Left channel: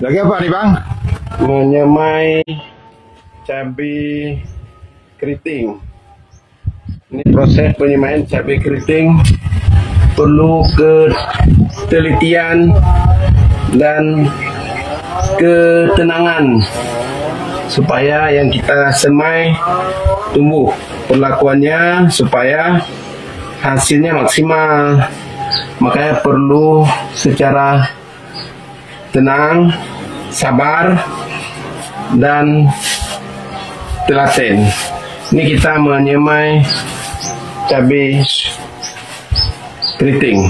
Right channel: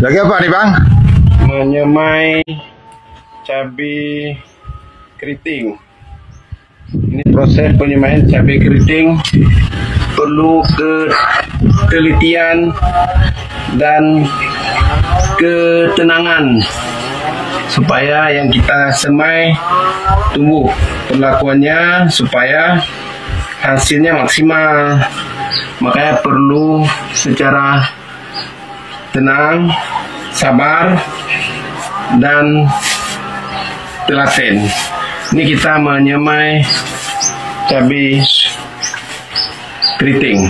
Lagi apa nih Bang? Menyemai cabai keriting. Ini proses penyemaian cabai keriting perlu ketelitian dan ketenangan supaya yang kita semai tumbuh. Perlakuannya supaya hasilnya maksimal. Makanya perlu secara tenang, sabar, dan telaten. Ini kita menyemai cabai keriting.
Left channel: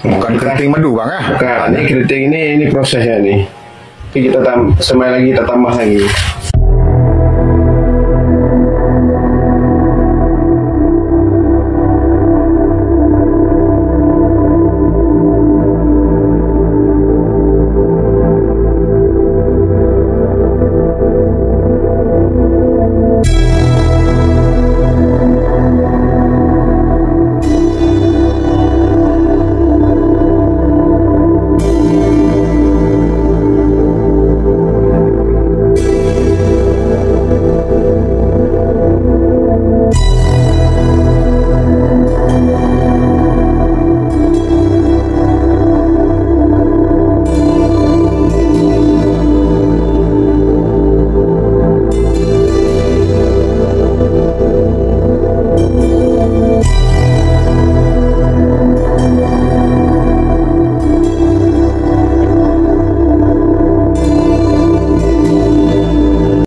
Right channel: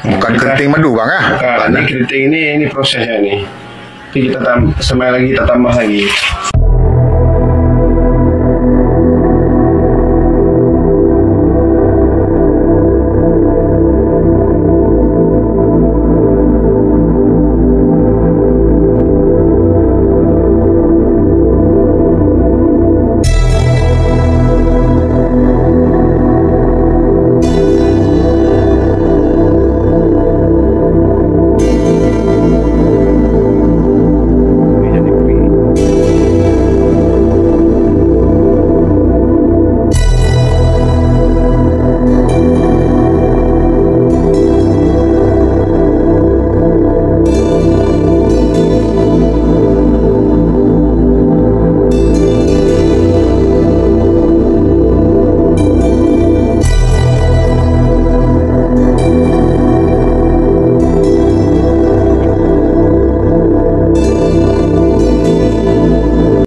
Bukan keriting madu Bang ya? Bukan, ini keriting ini prosesnya nih. Jadi kita semai lagi, kita tambah lagi.